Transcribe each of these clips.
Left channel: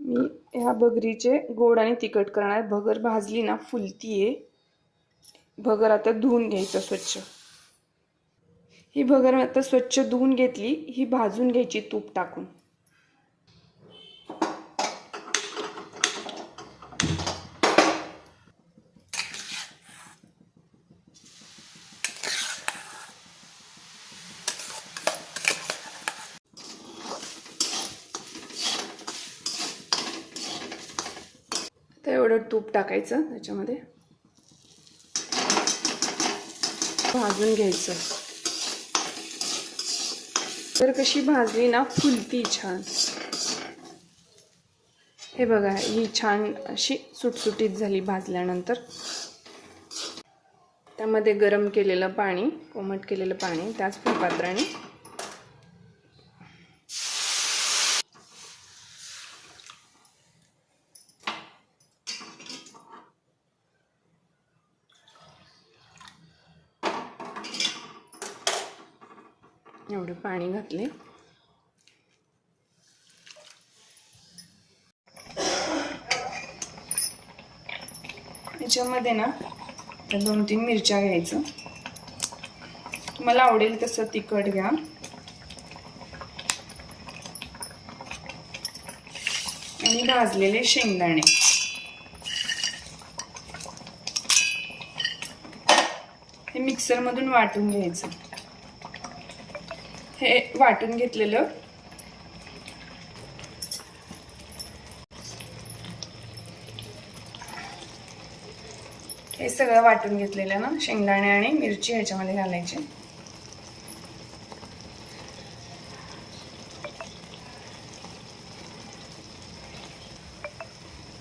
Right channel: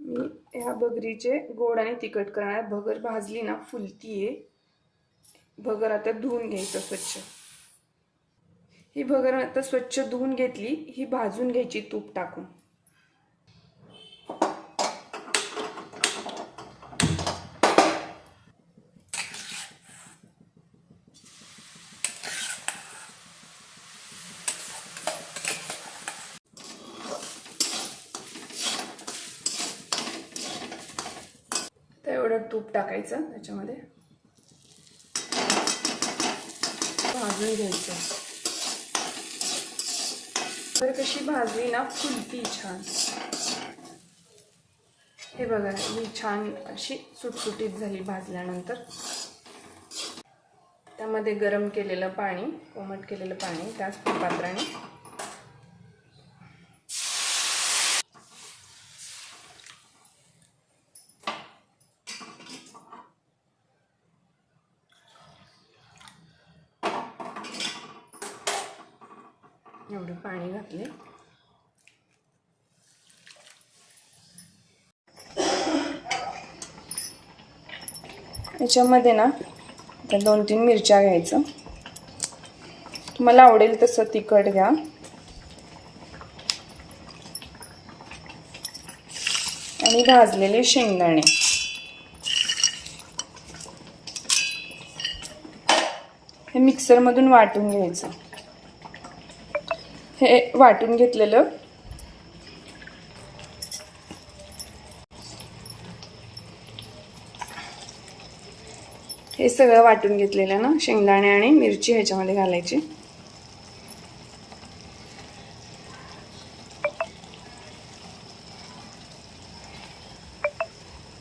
मी ह्या भगरीचे गोड आणि तिखट करणार. भगर भाजली ना फुलती आहे भगर आता धुवून घ्यायचं स्वच्छ. ही भगर आता स्वच्छ धुवून घेतली ही भाजून घ्यायची तूप टाकून. तर तूप टाकायचं त्याच्यामध्ये. भाजून घ्यायचं. तर कशी भाजली ना फुलती छान. हे बघा ही छान अशी सुटसुटीत झाली भाजल्यानंतर. त्यामध्ये गरम केलेलं पाणी कोमट केलेलं पाणी त्याच फुलपात्राने एवढं पाणी घातले याच्यामध्ये ना आता दोन तीन मिरच्या घ्यायचं. तुम्हाला आवडेल तसं तिखट घ्या. आणि भाजलेले शेंगदाणे. हे मिक्सरमधून वाटून घ्यायचं. हे वाटून घेतलेलं. हे सगळं वाटून घेतलेलं ना शेंगदाणे आणि मिरची ह्याच्यामध्ये घालायची.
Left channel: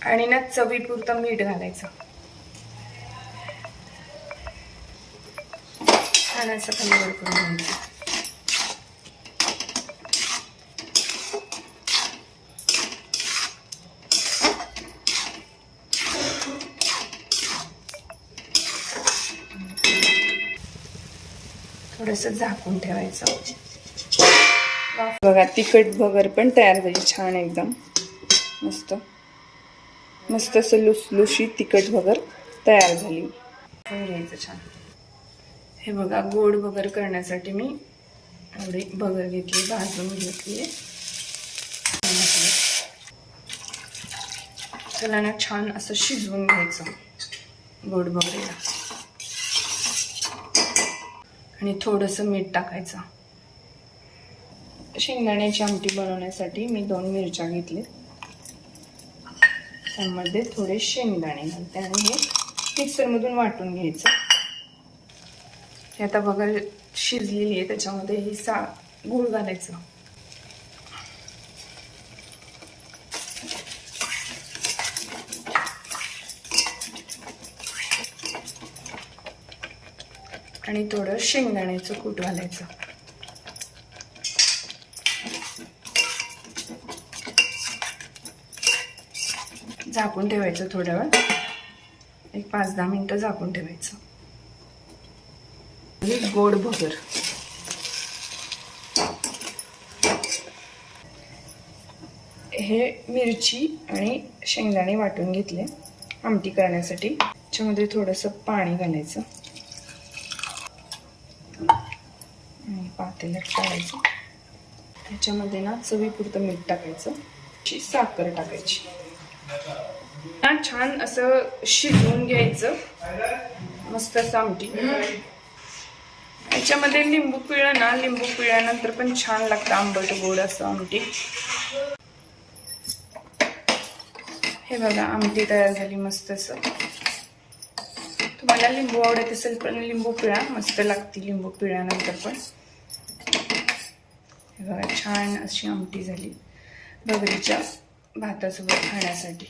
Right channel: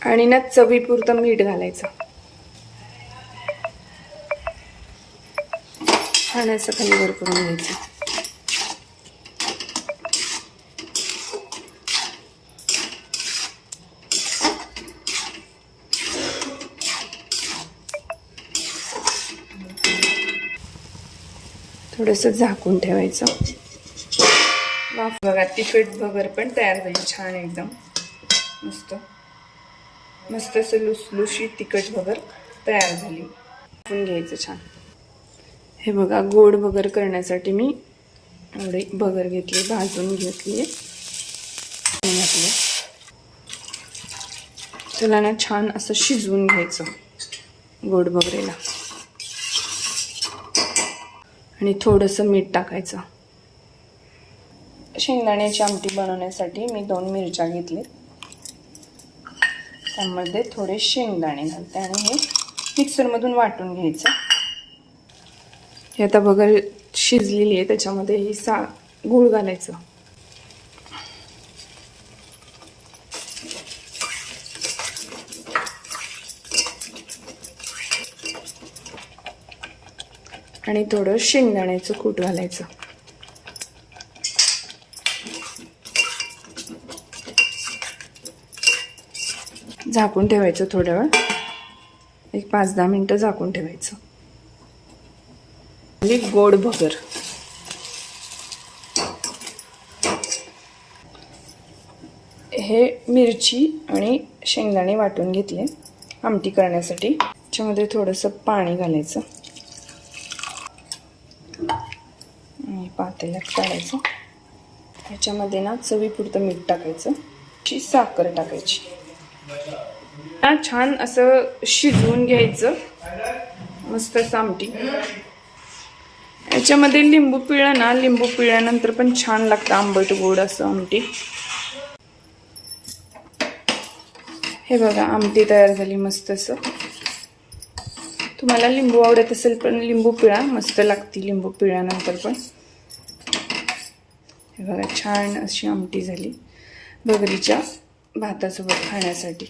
आणि ना चवीपुरतं मीठ घालायचं. छान असं कलर करून घ्यायचं. थोडंसं झाकून ठेवायचं. वाफ बघा तिखट भगर पण तयार झाली छान एकदम. मस्त. मस्त असं लुसलुशीत तिखट भगर तयार झाली. घ्यायचं छान. हे बघा गोड भगर करण्यासाठी मी एवढे भगर घेतली भाजून घेतली. त्याला ना छान असं शिजवून घ्यायचं गोड भगरेला. आणि थोडंसं मीठ टाकायचं. शेंगदाण्याची आमटी बनवण्यासाठी मी दोन मिरच्या घेतले. त्यामध्ये थोडे शेंगदाणे घालते आणि हे मिक्सरमधून वाटून घ्यायचं. हे आता बघा शिजलेली आहे त्याच्यामध्ये ही सा गूळ घालायचं. आणि थोडं शेंगदाण्याचं कूट घालायचं. झाकून ठेवायचं थोड्या वेळ एक पाच दहा मिनटं झाकून ठेवायचं. गोड भगर हे मिरची आणि शेंगदाणे वाटून घेतले. आमटी करण्यासाठी. त्याच्यामध्ये थोडंसं पाणी घालायचं. आणि पातेल्यात काढायचं. ह्याच्यामध्ये ना चवीपुरतं मीठ टाकायचं. ची साखर टाकायची. ना छान असं शिजवून घ्यायचं. मस्त असं आमटी. याच्यामध्ये लिंबू पिळं ना लिंबू पिळल्यानंतर पण छान लागतं आंबट गोड असं आमटी. हे बघा आमटी तयार झाली मस्त असं. तुम्हाला लिंबू आवडत असेल पण लिंबू पिळा मस्त लागते लिंबू पिळल्यानंतर पण. हे बघा छान अशी आमटी झाली बगरीच्या भातासोबत खाण्यासाठी.